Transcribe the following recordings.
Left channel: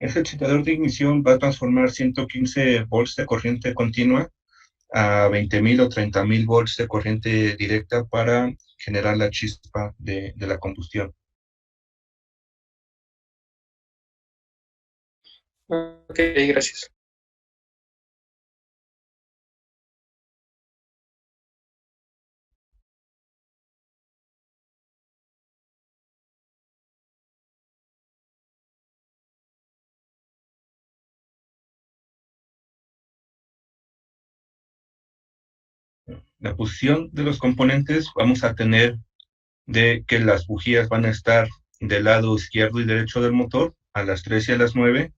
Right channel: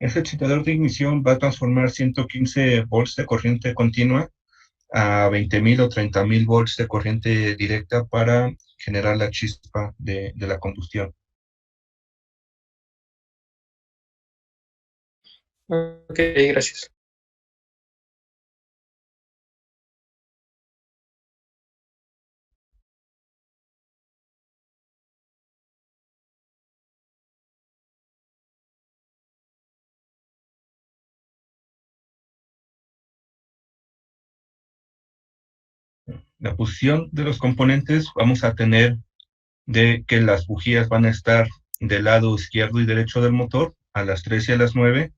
Ese excitador de ignición va a transformar 115 volts de corriente continua a 20.000 o 30.000 volts de corriente directa para generar la chispa de la combustión. Ok, gracias. La posición de los componentes, vamos a tener de que las bujías van a estar del lado izquierdo y derecho del motor a las 3 y a las 9,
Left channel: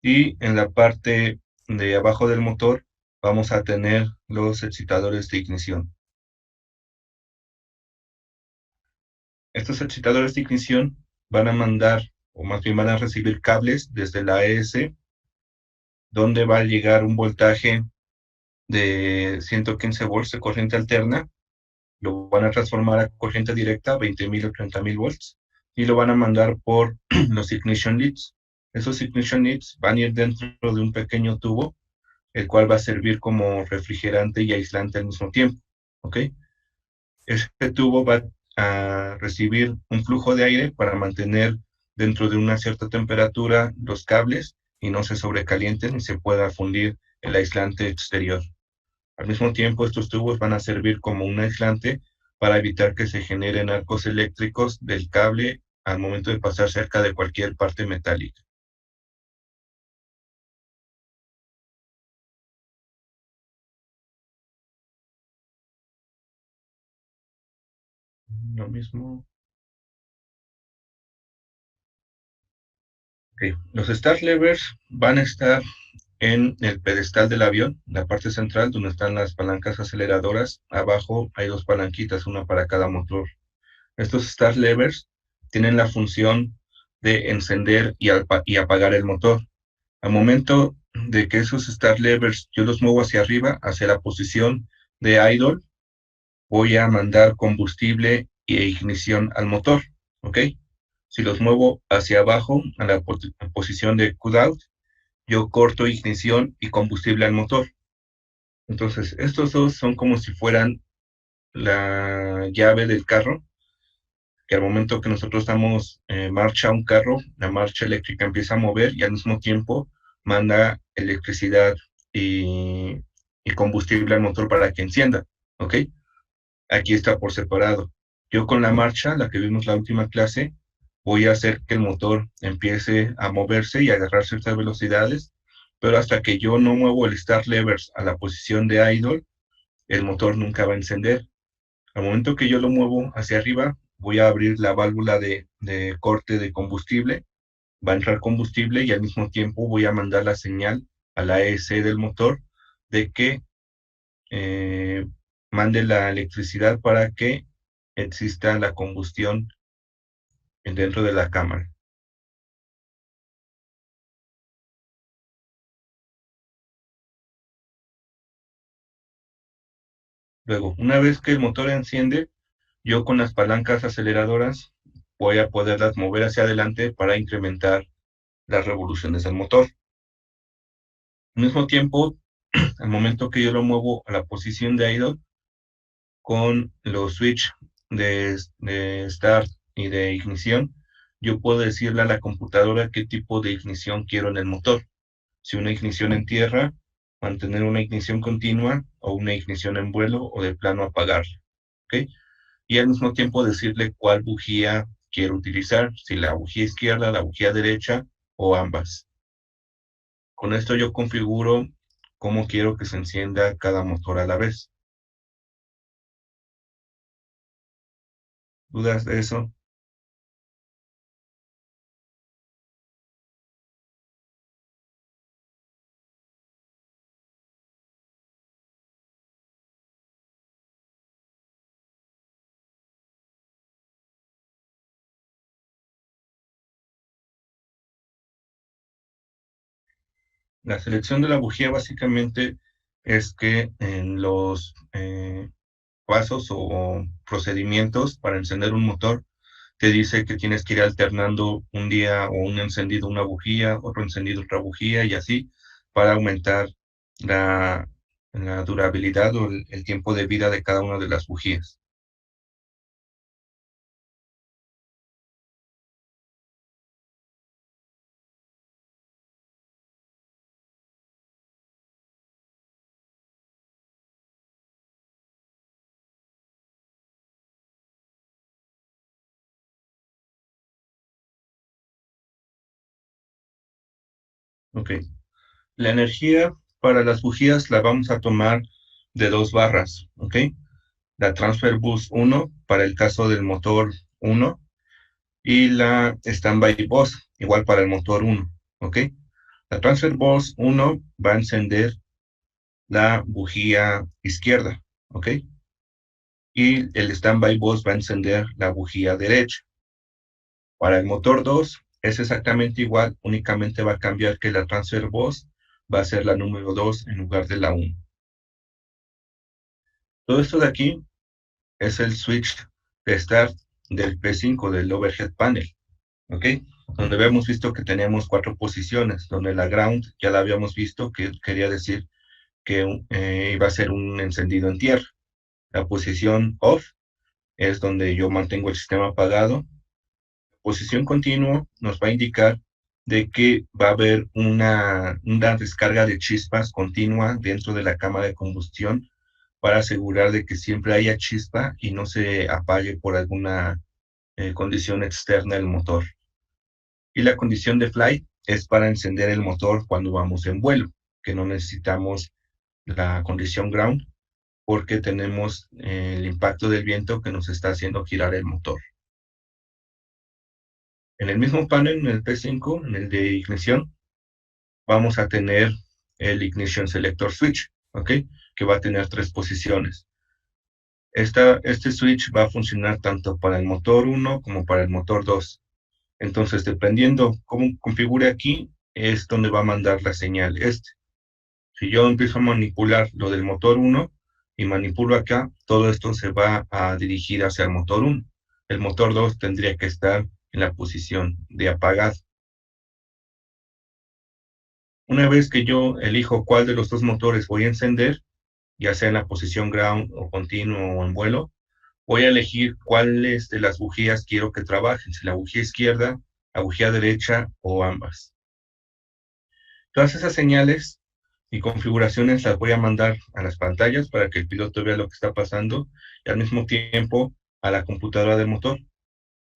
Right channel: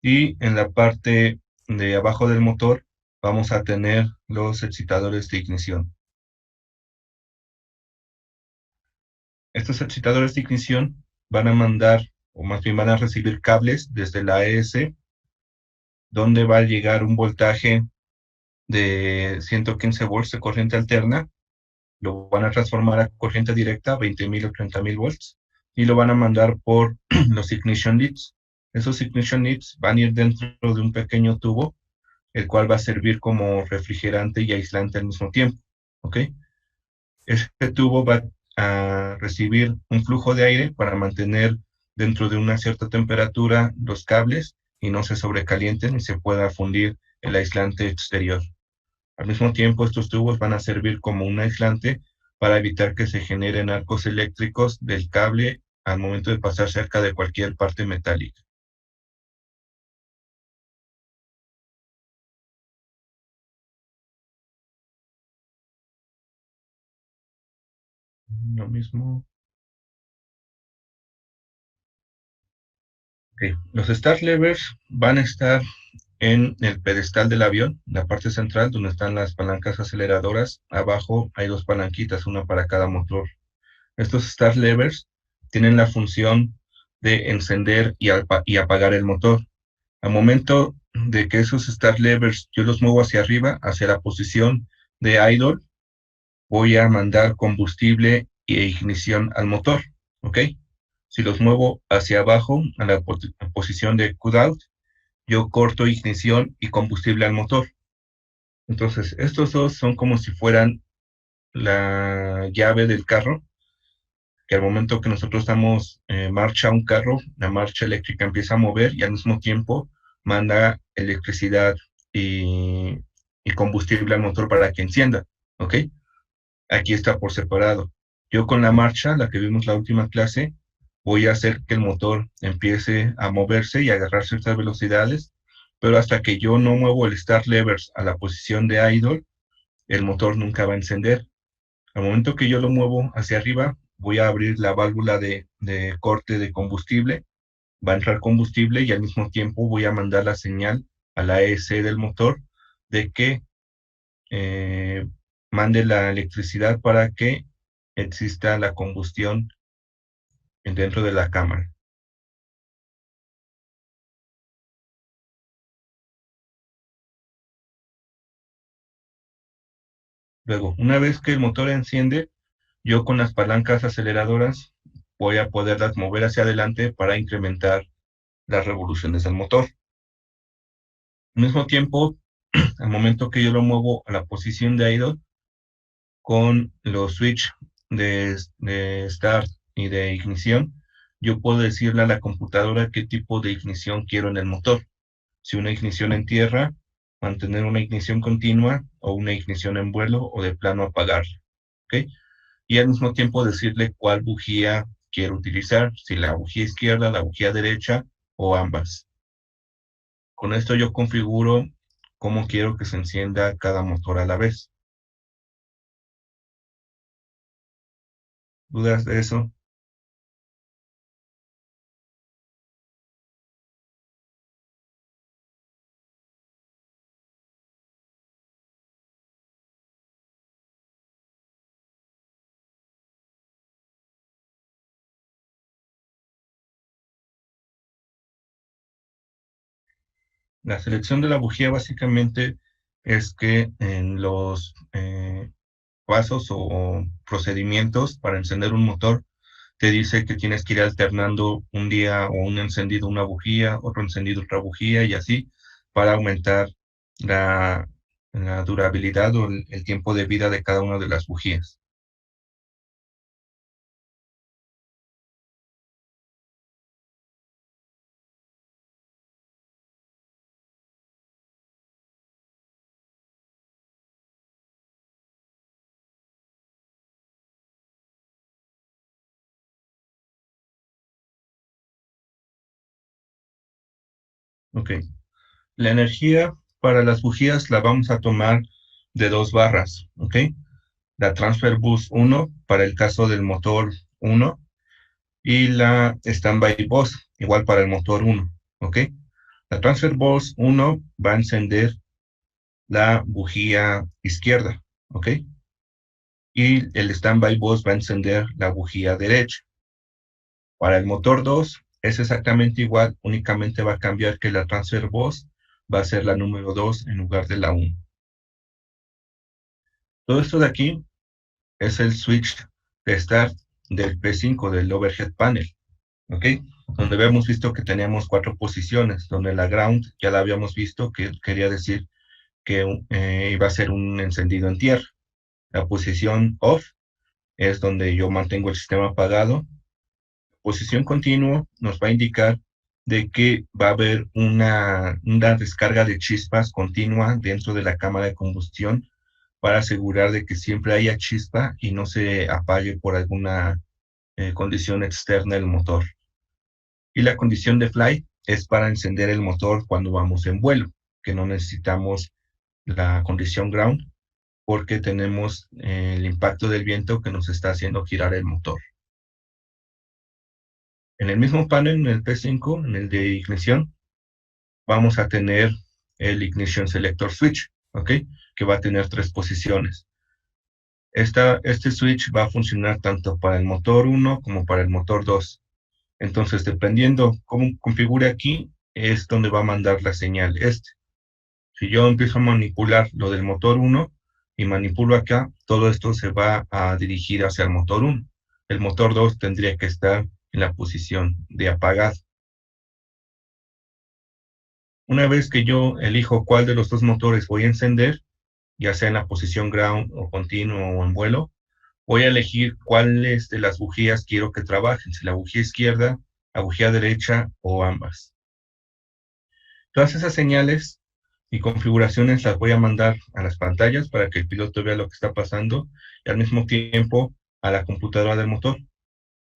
y en la parte de abajo del motor vamos a tener los excitadores de ignición. Estos excitadores de ignición van a mandar, o más bien van a recibir cables desde la AES, donde va a llegar un voltaje de 115 volts de corriente alterna, lo van a transformar a corriente directa, 20.000 o 30.000 volts, y lo van a mandar por los ignition leads. Esos ignition leads van a ir dentro de un pequeño tubo, el cual va a servir como refrigerante y aislante al mismo tiempo. ¿Ok? Este tubo va a recibir un flujo de aire para mantener dentro de una cierta temperatura los cables y no se sobrecalienten y se pueda fundir el aislante exterior. Al mismo tiempo, estos tubos van a servir como un aislante para evitar que se generen arcos eléctricos del cable al momento de pasar cerca de cualquier parte metálica. Lo mismo. Okay. Los start levers van a estar en el pedestal del avión, la parte central donde están las palancas aceleradoras. Abajo hay dos palanquitas, una para cada motor. Estos start levers tienen la función de encender y apagar el motor. Al momento de que esos start levers yo los muevo hacia arriba, hacia la posición de idle, voy a mandar combustible e ignición al motor, ¿ok? Si los muevo hacia abajo, a la posición de out, yo corto ignición y combustible al motor. Entonces, estos dos son como si fueran la llave del carro, que al momento que nosotros damos marcha a un carro, la marcha eléctrica empieza a mover y al mismo tiempo manda electricidad y, y combustible al motor para que encienda, ¿ok? Aquí está por separado. Yo con la marcha, la que vimos la última clase, voy a hacer que el motor empiece a moverse y a agarrar ciertas velocidades, pero hasta que yo no muevo el start levers a la posición de idle, el motor nunca va a encender. Al momento que yo lo muevo hacia arriba, voy a abrir la válvula de corte de combustible, va a entrar combustible y al mismo tiempo voy a mandar la señal a la ESC del motor de que eh, mande la electricidad para que exista la combustión dentro de la cámara. Luego, una vez que el motor enciende, yo con las palancas aceleradoras voy a poderlas mover hacia adelante para incrementar las revoluciones del motor. Al mismo tiempo, al momento que yo lo muevo a la posición de idle, con los switch de start y de ignición, yo puedo decirle a la computadora qué tipo de ignición quiero en el motor. Si una ignición en tierra, mantener una ignición continua, o una ignición en vuelo, o de plano apagarla. ¿Ok? Y al mismo tiempo decirle cuál bujía quiero utilizar, si la bujía izquierda, la bujía derecha o ambas. Con esto yo configuro cómo quiero que se encienda cada motor a la vez. ¿Dudas de eso? La selección de la bujía básicamente es que en los pasos o procedimientos para encender un motor te dice que tienes que ir alternando un día o un encendido una bujía, otro encendido otra bujía y así para aumentar la, la durabilidad o el tiempo de vida de cada una de las bujías. Ok. La energía para las bujías la vamos a tomar de dos barras, ¿ok? La Transfer Bus 1 para el caso del motor 1 y la Standby Bus igual para el motor 1, ¿ok? La Transfer Bus 1 va a encender la bujía izquierda, ¿ok? Y el Standby Bus va a encender la bujía derecha. Para el motor 2 es exactamente igual, únicamente va a cambiar que la Transfer Bus va a ser la número 2 en lugar de la 1. Todo esto de aquí es el switch de start del P5, del overhead panel, ¿ok? Donde habíamos visto que teníamos 4 posiciones, donde la ground ya la habíamos visto, que quería decir que iba a ser un encendido en tierra. La posición off es donde yo mantengo el sistema apagado. Posición continua nos va a indicar de que va a haber una descarga de chispas continua dentro de la cámara de combustión para asegurar de que siempre haya chispa y no se apague por alguna condición externa del motor. Y la condición de flight es para encender el motor cuando vamos en vuelo, que no necesitamos la condición ground porque tenemos el impacto del viento que nos está haciendo girar el motor. En el mismo panel, en el P5, en el de ignición, vamos a tener el Ignition Selector Switch, ¿ok? Que va a tener 3 posiciones. Este switch va a funcionar tanto para el motor 1 como para el motor 2. Entonces, dependiendo cómo configure aquí, es donde va a mandar la señal este. Si yo empiezo a manipular lo del motor 1 y manipulo acá, todo esto se va a dirigir hacia el motor 1. El motor 2 tendría que estar en la posición de apagado. Una vez que yo elijo cuál de los dos motores voy a encender, ya sea en la posición ground o continuo o en vuelo, voy a elegir cuáles de las bujías quiero que trabajen, si la bujía izquierda, la bujía derecha o ambas. Todas esas señales y configuraciones las voy a mandar a las pantallas para que el piloto vea lo que está pasando y al mismo tiempo a la computadora del motor.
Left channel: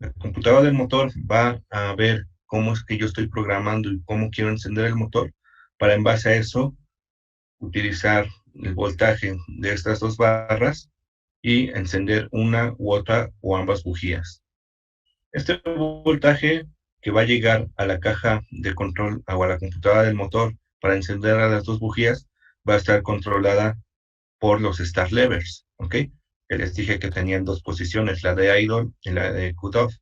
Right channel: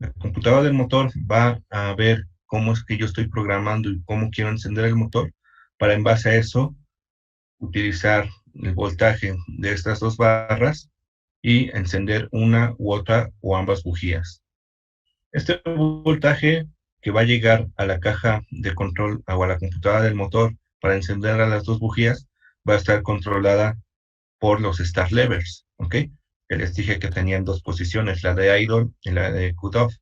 La computadora del motor va a ver cómo es que yo estoy programando y cómo quiero encender el motor para en base a eso utilizar el voltaje de estas dos barras y encender una u otra o ambas bujías. Este voltaje que va a llegar a la caja de control o a la computadora del motor para encender a las dos bujías va a estar controlada por los start levers, ¿ok? Que les dije que tenían 2 posiciones, la de idle y la de cutoff.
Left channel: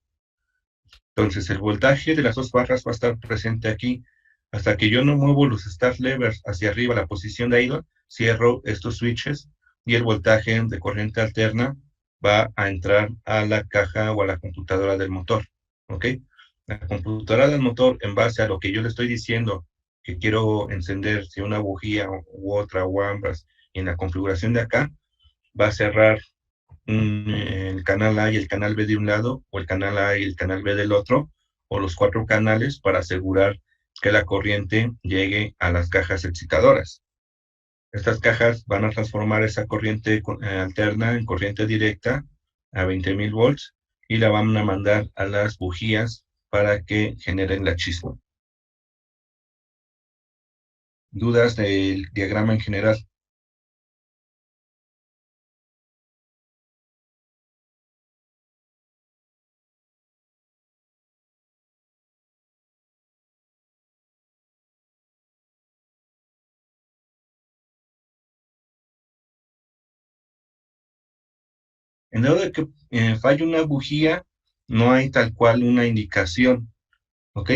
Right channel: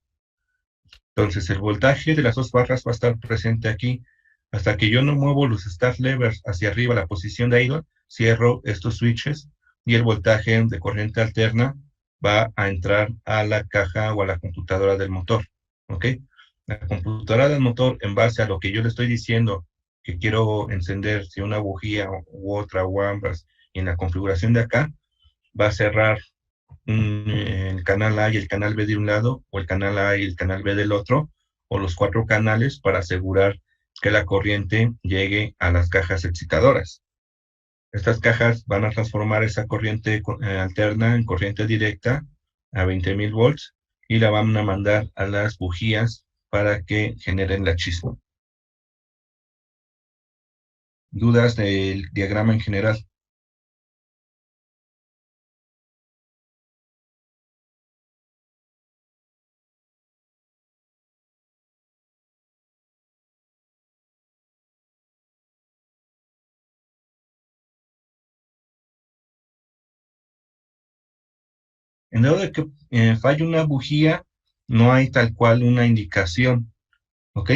Entonces el voltaje de las dos barras va a estar presente aquí. Hasta que yo no muevo los start levers hacia arriba, la posición de idle, cierro estos switches y el voltaje de corriente alterna va a entrar a la caja o a la computadora del motor, ¿ok? La computadora del motor, en base a lo que yo le estoy diciendo, que quiero encender si una bujía u otra o ambas, y en la configuración de acá, va a cerrar el canal A y el canal B de un lado, o el canal A y el canal B del otro, o los 4 canales para asegurar que la corriente llegue a las cajas excitadoras. Estas cajas van a transformar esa corriente alterna en corriente directa a 20,000 volts y la van a mandar a las bujías para que generen la chispa. ¿Dudas del diagrama en general? En dado de que falle una bujía, no hay tal cual una indicación, ¿ok?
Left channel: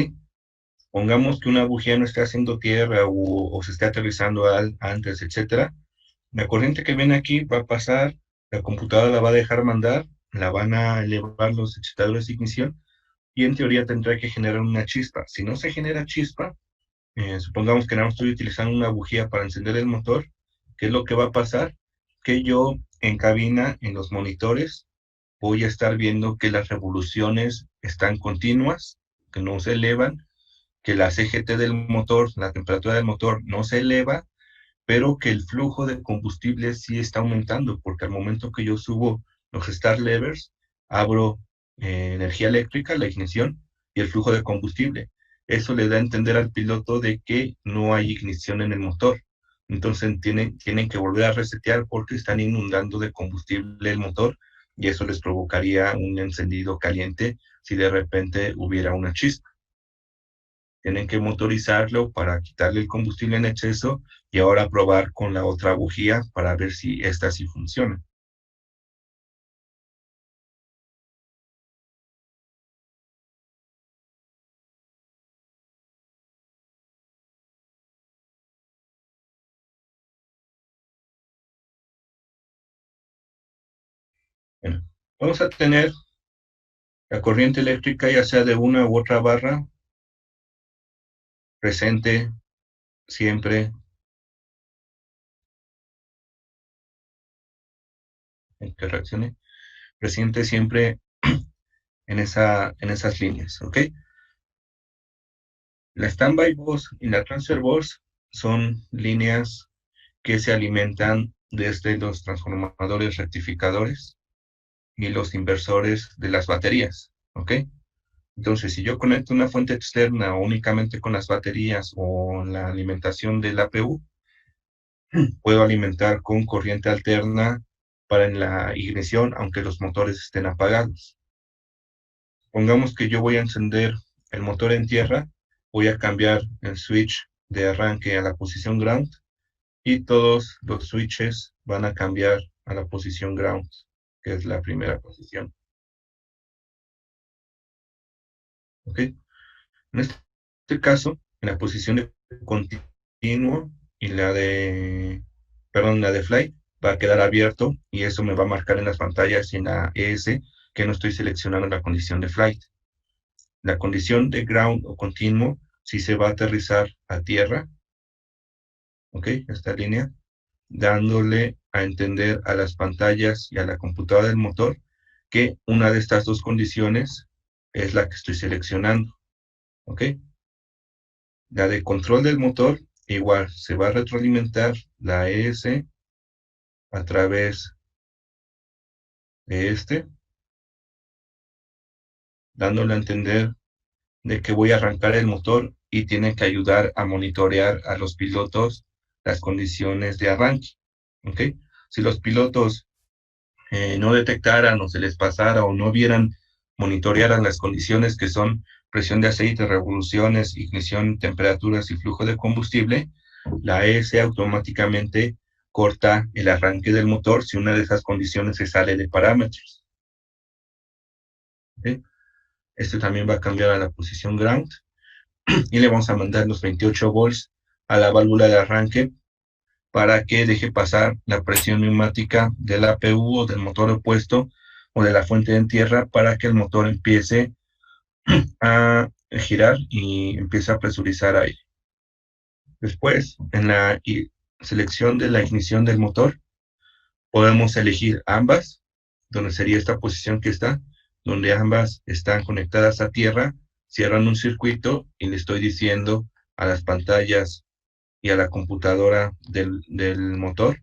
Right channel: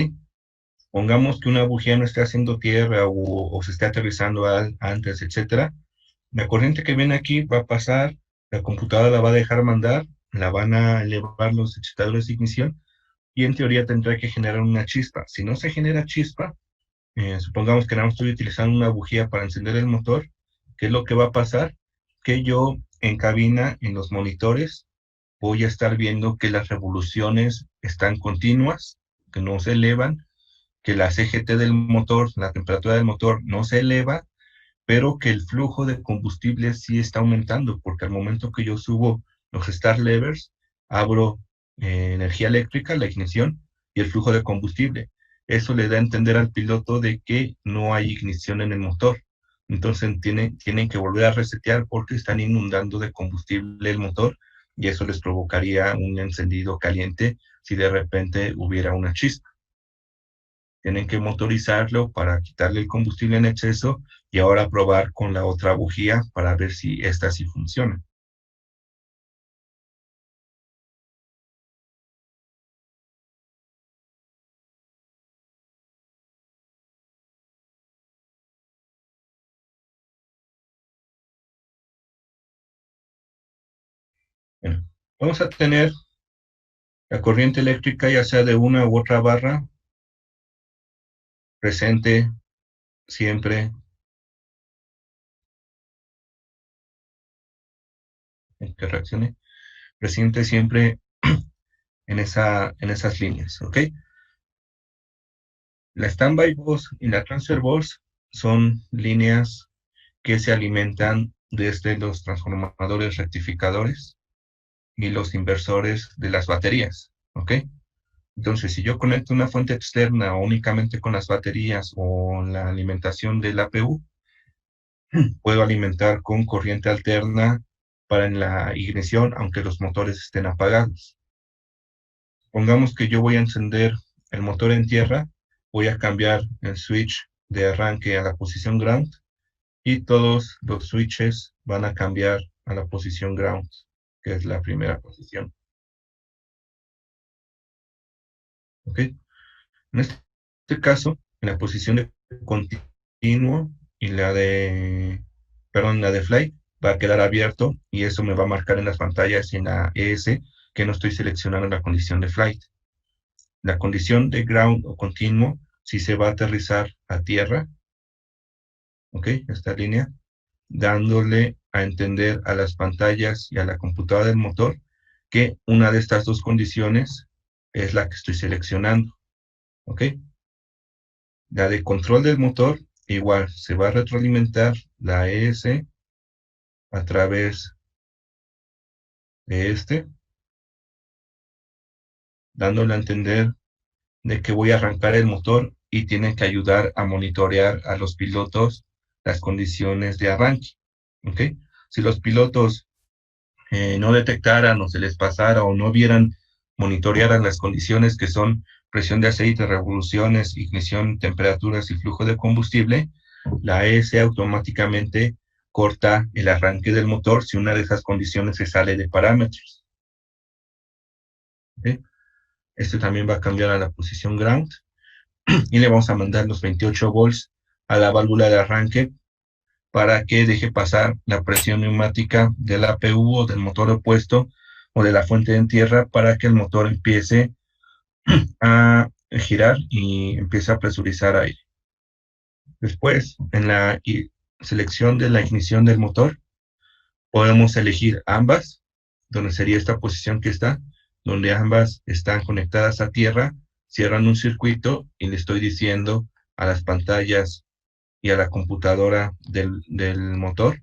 Pongamos que una bujía no esté haciendo tierra o se esté aterrizando antes, etcétera. La corriente que viene aquí va a pasar, la computadora la va a dejar mandar la van a elevar los excitadores de ignición y en teoría tendrá que generar una chispa. Si no se genera chispa, supongamos que nada más estoy utilizando una bujía para encender el motor, ¿qué es lo que va a pasar? Que yo en cabina, en los monitores, voy a estar viendo que las revoluciones están continuas, que no se elevan, que la CGT del motor, la temperatura del motor no se eleva, pero que el flujo de combustible sí está aumentando, porque al momento que yo subo los start levers, abro energía eléctrica, la ignición y el flujo de combustible. Eso le da a entender al piloto de que no hay ignición en el motor. Entonces tienen que volver a resetear porque están inundando de combustible el motor y eso les provocaría un encendido caliente si de repente hubiera una chispa. Tienen que motorizarlo para quitarle el combustible en exceso y ahora probar con la otra bujía para ver si esta sí funciona. Bueno, vamos a tener la corriente eléctrica, ya sea de una u otra barra, presente siempre en que reaccione, presente siempre en esas líneas, ¿ok? La standby bus y la transfer bus son líneas que se alimentan desde los transformadores rectificadores y los inversores de las baterías, ¿ok? Entonces, si yo conecto una fuente externa o únicamente con las baterías o la alimentación del APU, puedo alimentar con corriente alterna para la ignición, aunque los motores estén apagados. Pongamos que yo voy a encender el motor en tierra, voy a cambiar el switch de arranque a la posición ground y todos los switches van a cambiar a la posición ground, que es la primera posición. ¿Ok? En este caso, en la posición de continuo y la de flight va a quedar abierto y eso me va a marcar en las pantallas y en la ES que no estoy seleccionando la condición de flight. La condición de ground o continuo si se va a aterrizar a tierra, ¿ok? Esta línea, dándole a entender a las pantallas y a la computadora del motor que una de estas dos condiciones es la que estoy seleccionando, ¿ok? La de control del motor, igual, se va a retroalimentar la ES a través de dándole a entender de que voy a arrancar el motor y tiene que ayudar a monitorear a los pilotos las condiciones de arranque, ¿ok? Si los pilotos no detectaran o se les pasara o no vieran, monitorearan las condiciones que son presión de aceite, revoluciones, ignición, temperaturas y flujo de combustible, la ES automáticamente corta el arranque del motor si una de esas condiciones se sale de parámetros. ¿Okay? Este también va a cambiar a la posición ground y le vamos a mandar los 28 volts a la válvula de arranque para que deje pasar la presión neumática del APU o del motor opuesto o de la fuente en tierra para que el motor empiece a girar y empiece a presurizar aire. Después, en la selección de la ignición del motor, podemos elegir ambas, donde sería esta posición que está, donde ambas están conectadas a tierra, cierran un circuito y le estoy diciendo a las pantallas y a la computadora del motor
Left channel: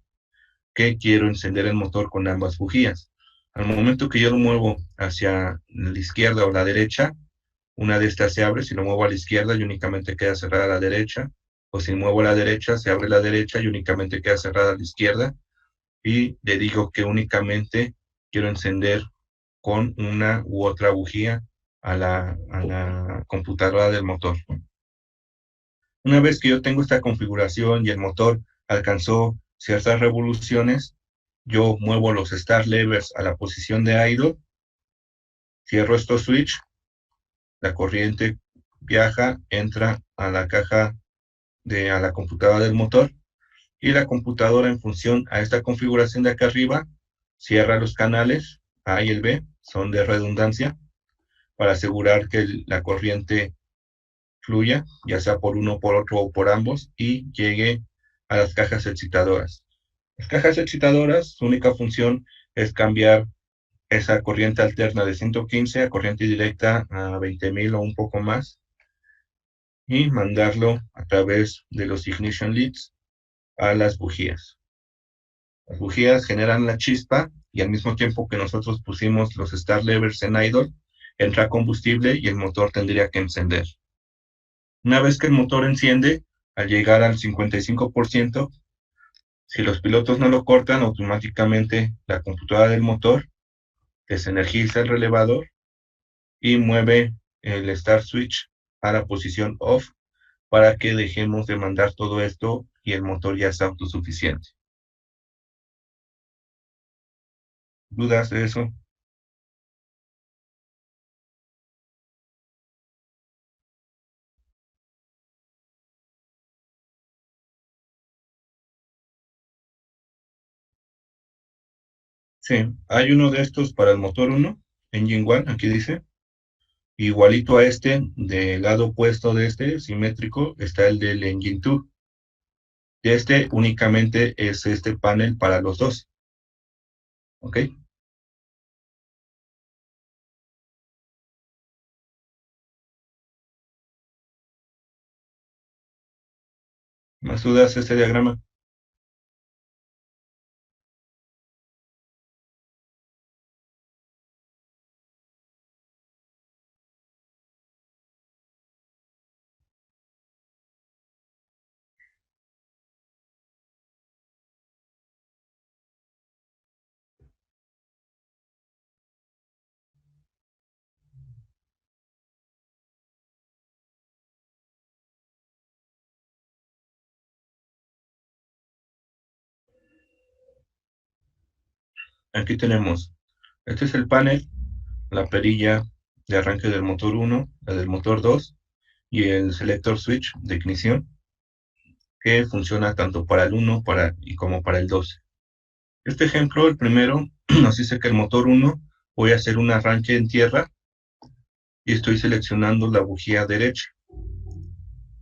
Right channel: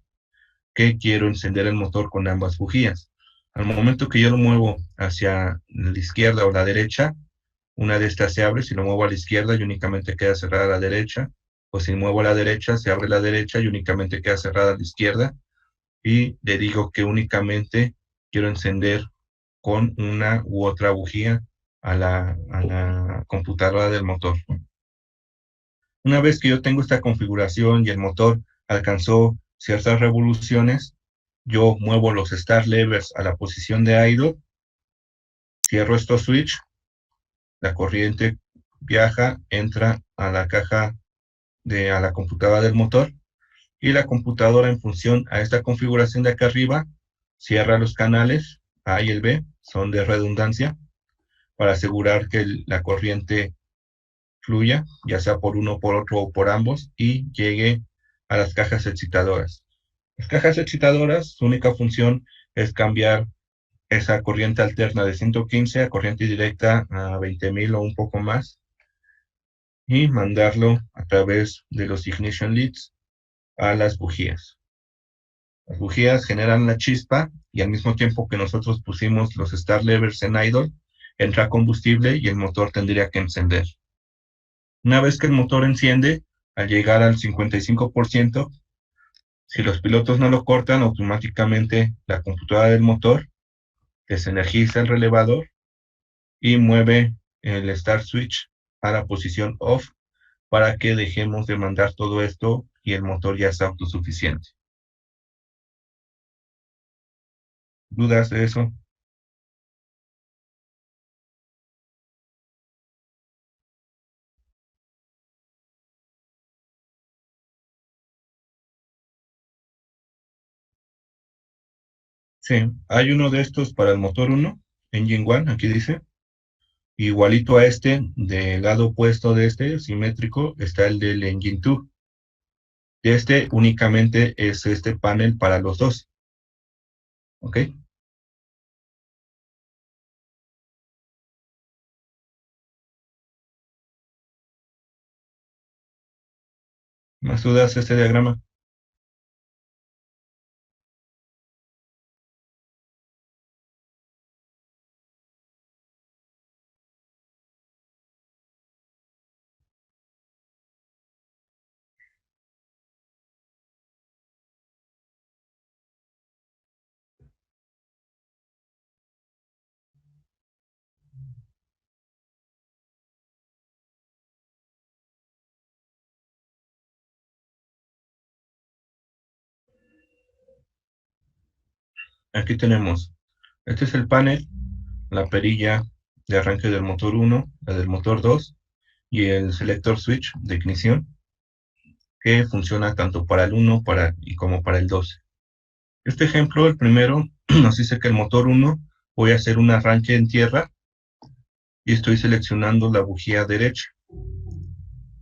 que quiero encender el motor con ambas bujías. Al momento que yo lo muevo hacia la izquierda o la derecha, una de estas se abre, si lo muevo a la izquierda y únicamente queda cerrada a la derecha, o si muevo a la derecha, se abre la derecha y únicamente queda cerrada a la izquierda, y le digo que únicamente quiero encender con una u otra bujía a la computadora del motor. Una vez que yo tengo esta configuración y el motor alcanzó ciertas revoluciones, yo muevo los start levers a la posición de idle, cierro estos switch, la corriente viaja, entra a la caja a la computadora del motor y la computadora en función a esta configuración de acá arriba cierra los canales A y el B son de redundancia para asegurar que la corriente fluya, ya sea por uno, por otro o por ambos, y llegue a las cajas excitadoras. Las cajas excitadoras, su única función es cambiar esa corriente alterna de 115 a corriente directa a 20,000 o un poco más y mandarlo a través de los ignition leads a las bujías. Las bujías generan la chispa y al mismo tiempo que nosotros pusimos los start levers en idle, entra combustible y el motor tendría que encender. Una vez que el motor enciende, al llegar al 55%, si los pilotos no lo cortan, automáticamente la computadora del motor desenergiza el relevador y mueve el start switch a la posición off para que dejemos de mandar todo esto y el motor ya está autosuficiente. ¿Dudas de eso? Sí, hay uno de estos para el motor 1, Engine 1, aquí dice. Igualito a este, del lado opuesto de este, simétrico, está el del Engine 2. De este únicamente es este panel para los dos. ¿Ok? ¿Más dudas de este diagrama? Aquí tenemos, este es el panel, la perilla de arranque del motor 1, la del motor 2 y el selector switch de ignición que funciona tanto para el 1 como para el 2. Este ejemplo, el primero, nos dice que el motor 1 voy a hacer un arranque en tierra y estoy seleccionando la bujía derecha.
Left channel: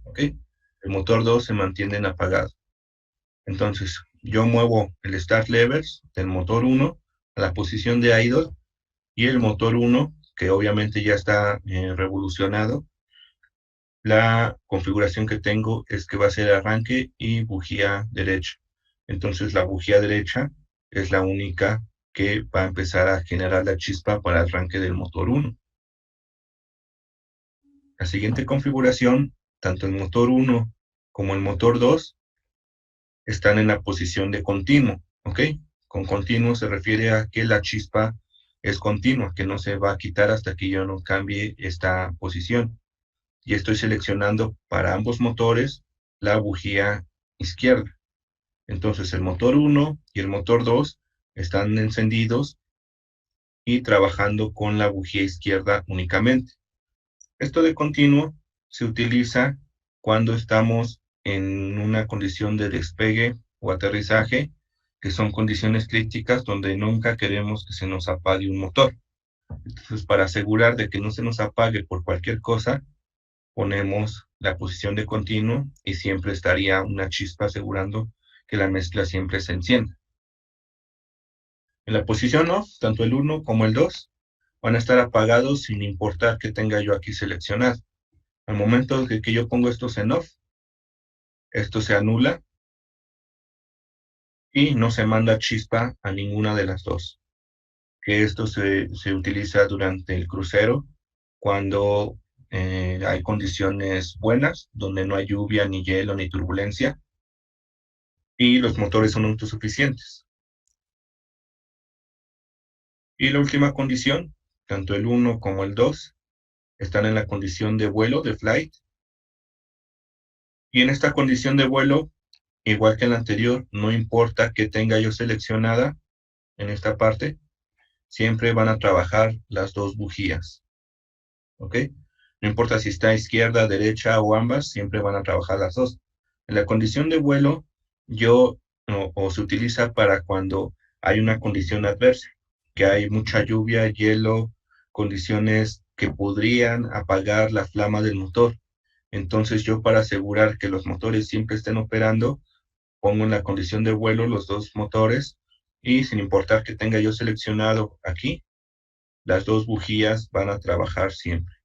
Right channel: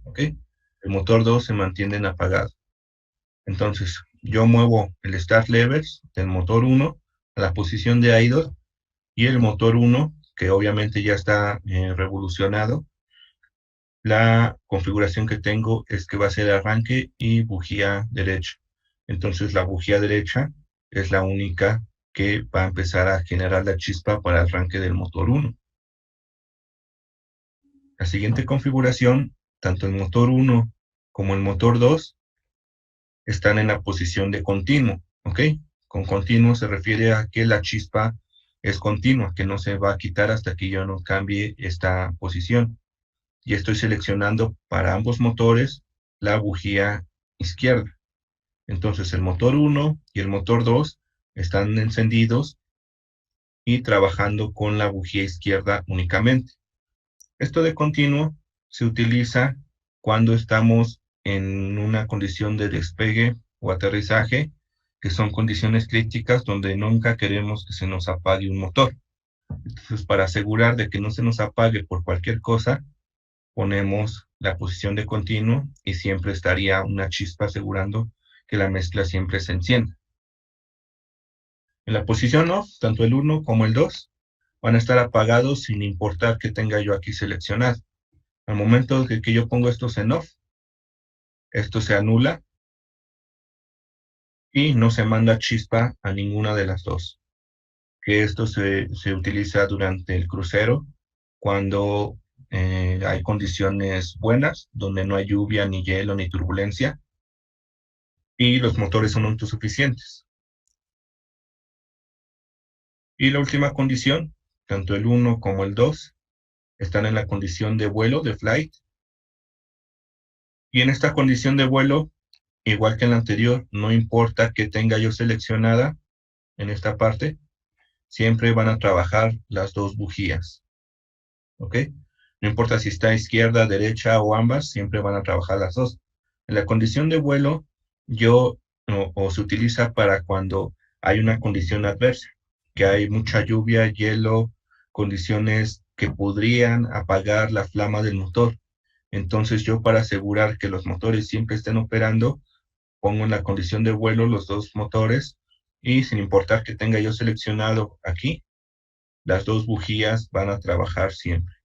¿Ok? El motor 2 se mantiene en apagado. Entonces, yo muevo el start levers del motor 1 a la posición de idle y el motor 1, que obviamente ya está revolucionado, la configuración que tengo es que va a ser arranque y bujía derecha. Entonces la bujía derecha es la única que va a empezar a generar la chispa para el arranque del motor 1. La siguiente configuración, tanto el motor 1 como el motor 2 están en la posición de continuo, ¿ok? Con continuo se refiere a que la chispa es continua, que no se va a quitar hasta que yo no cambie esta posición. Y estoy seleccionando para ambos motores la bujía izquierda. Entonces el motor 1 y el motor 2 están encendidos y trabajando con la bujía izquierda únicamente. Esto de continuo se utiliza cuando estamos en una condición de despegue o aterrizaje, que son condiciones críticas donde nunca queremos que se nos apague un motor. Entonces, para asegurar de que no se nos apague por cualquier cosa, ponemos la posición de continuo y siempre estaría una chispa asegurando que la mezcla siempre se encienda. En la posición off, tanto el 1 como el 2 van a estar apagados sin importar que tenga yo aquí seleccionado. Al momento de que yo pongo estos en off, esto se anula y no se manda chispa a ninguna de las dos. Que esto se utiliza durante el crucero cuando hay condiciones buenas, donde no hay lluvia, ni hielo, ni turbulencia, y los motores son autosuficientes. Y la última condición, tanto el 1 como el 2, están en la condición de vuelo, de flight. Y en esta condición de vuelo, igual que en la anterior, no importa que tenga yo seleccionada en esta parte, siempre van a trabajar las dos bujías. ¿Ok? No importa si está izquierda, derecha o ambas, siempre van a trabajar las dos. En la condición de vuelo, o se utiliza para cuando hay una condición adversa. que hay mucha lluvia, hielo, condiciones que podrían apagar la flama del motor. Entonces yo, para asegurar que los motores siempre estén operando, pongo en la condición de vuelo los dos motores, y sin importar que tenga yo seleccionado aquí, las dos bujías van a trabajar siempre.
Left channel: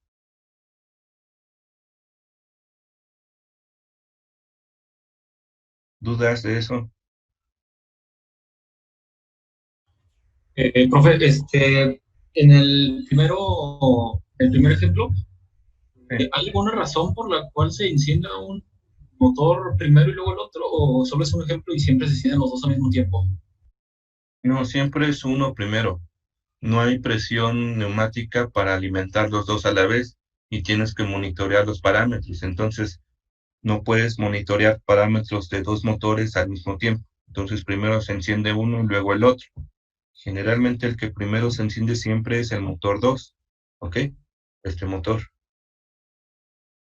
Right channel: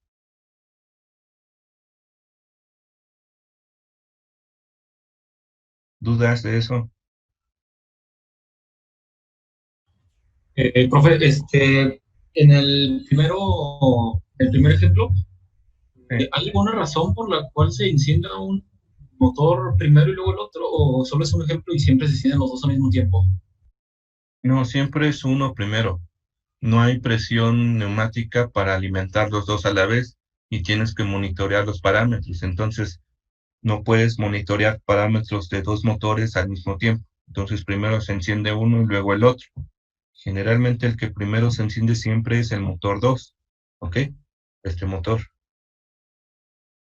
¿Dudas de eso? Profe, en el primer ejemplo, Sí. ¿hay alguna razón por la cual se encienda un motor primero y luego el otro? ¿O solo es un ejemplo y siempre se encienden los dos al mismo tiempo? No, siempre es uno primero. No hay presión neumática para alimentar los dos a la vez, y tienes que monitorear los parámetros. Entonces, no puedes monitorear parámetros de dos motores al mismo tiempo. Entonces, primero se enciende uno y luego el otro. Generalmente el que primero se enciende siempre es el motor 2, ¿ok? Este motor.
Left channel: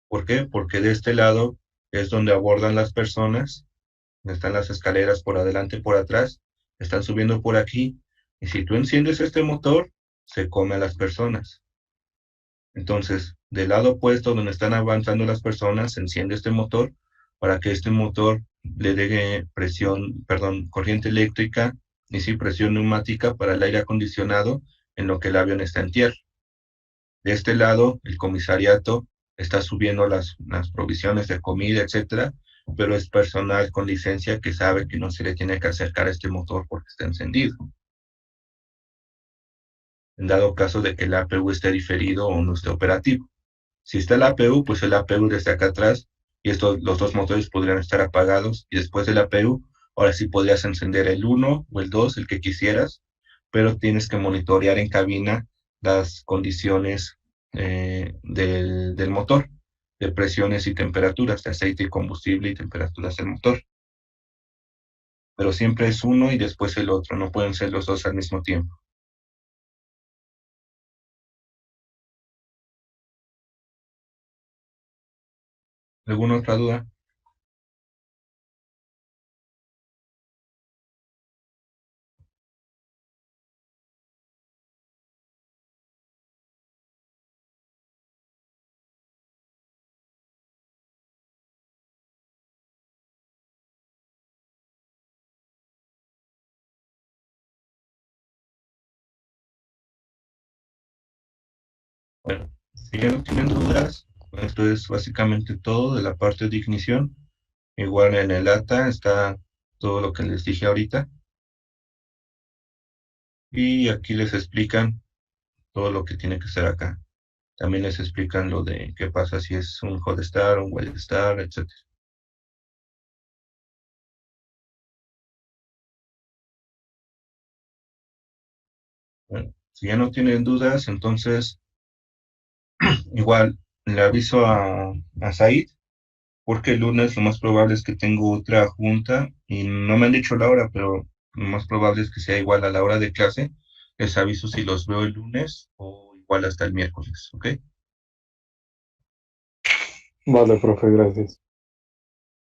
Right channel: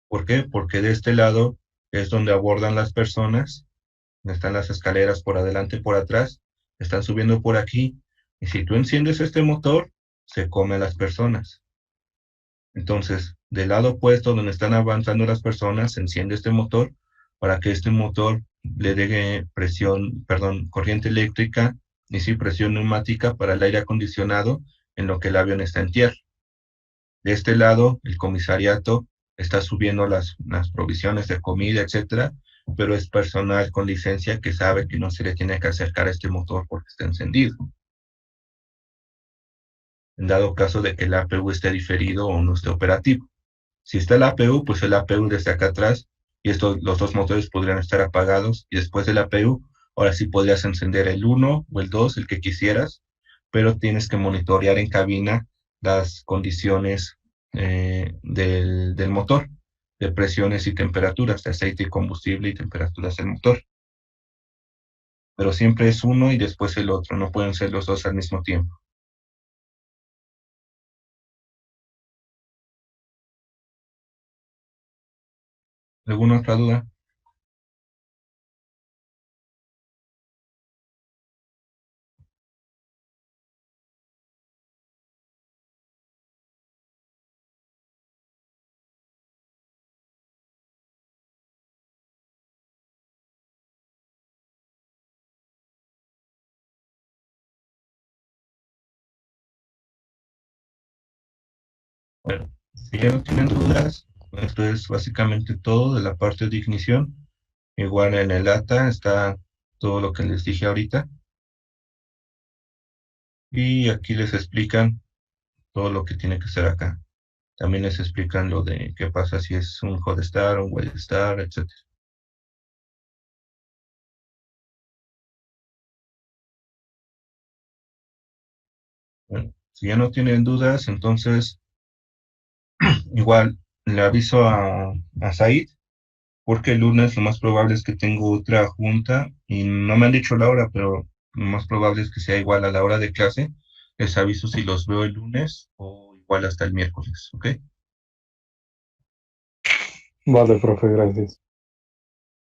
¿Por qué? Porque de este lado es donde abordan las personas, están las escaleras por adelante y por atrás, están subiendo por aquí, y si tú enciendes este motor, se come a las personas. Entonces, del lado opuesto, donde están avanzando las personas, se enciende este motor para que este motor le dé presión, perdón, corriente eléctrica, y sí, presión neumática para el aire acondicionado en lo que el avión está en tierra. De este lado, el comisariato está subiendo las provisiones de comida, etcétera, pero es personal con licencia que sabe que no se le tiene que acercar a este motor porque está encendido. En dado caso de que el APU esté diferido o no esté operativo. Si está el APU, pues el APU desde acá atrás, y los dos motores podrían estar apagados, y después del APU, ahora sí podrías encender el uno o el 2, el que quisieras, pero tienes que monitorear en cabina las condiciones del motor, de presiones y temperaturas, de aceite y combustible y temperaturas del motor. Pero siempre es uno y después el otro, no pueden ser los dos al mismo tiempo. ¿Alguna otra duda? Bueno, si ya no tienen dudas, esto es básicamente todo de la parte de ignición. Igual en el ATA está todo lo que les dije ahorita. Y aquí les explican todo lo que tiene que ser acá. También les explican lo de qué pasa si es un hot star, un wet star, etc. Bueno, si ya no tienen dudas, entonces igual le aviso a Said, porque el lunes lo más probable es que tengo otra junta y no me han dicho la hora, pero lo más probable es que sea igual a la hora de clase. Les aviso si los veo el lunes o igual hasta el miércoles, ¿ok? Vale, profe, gracias.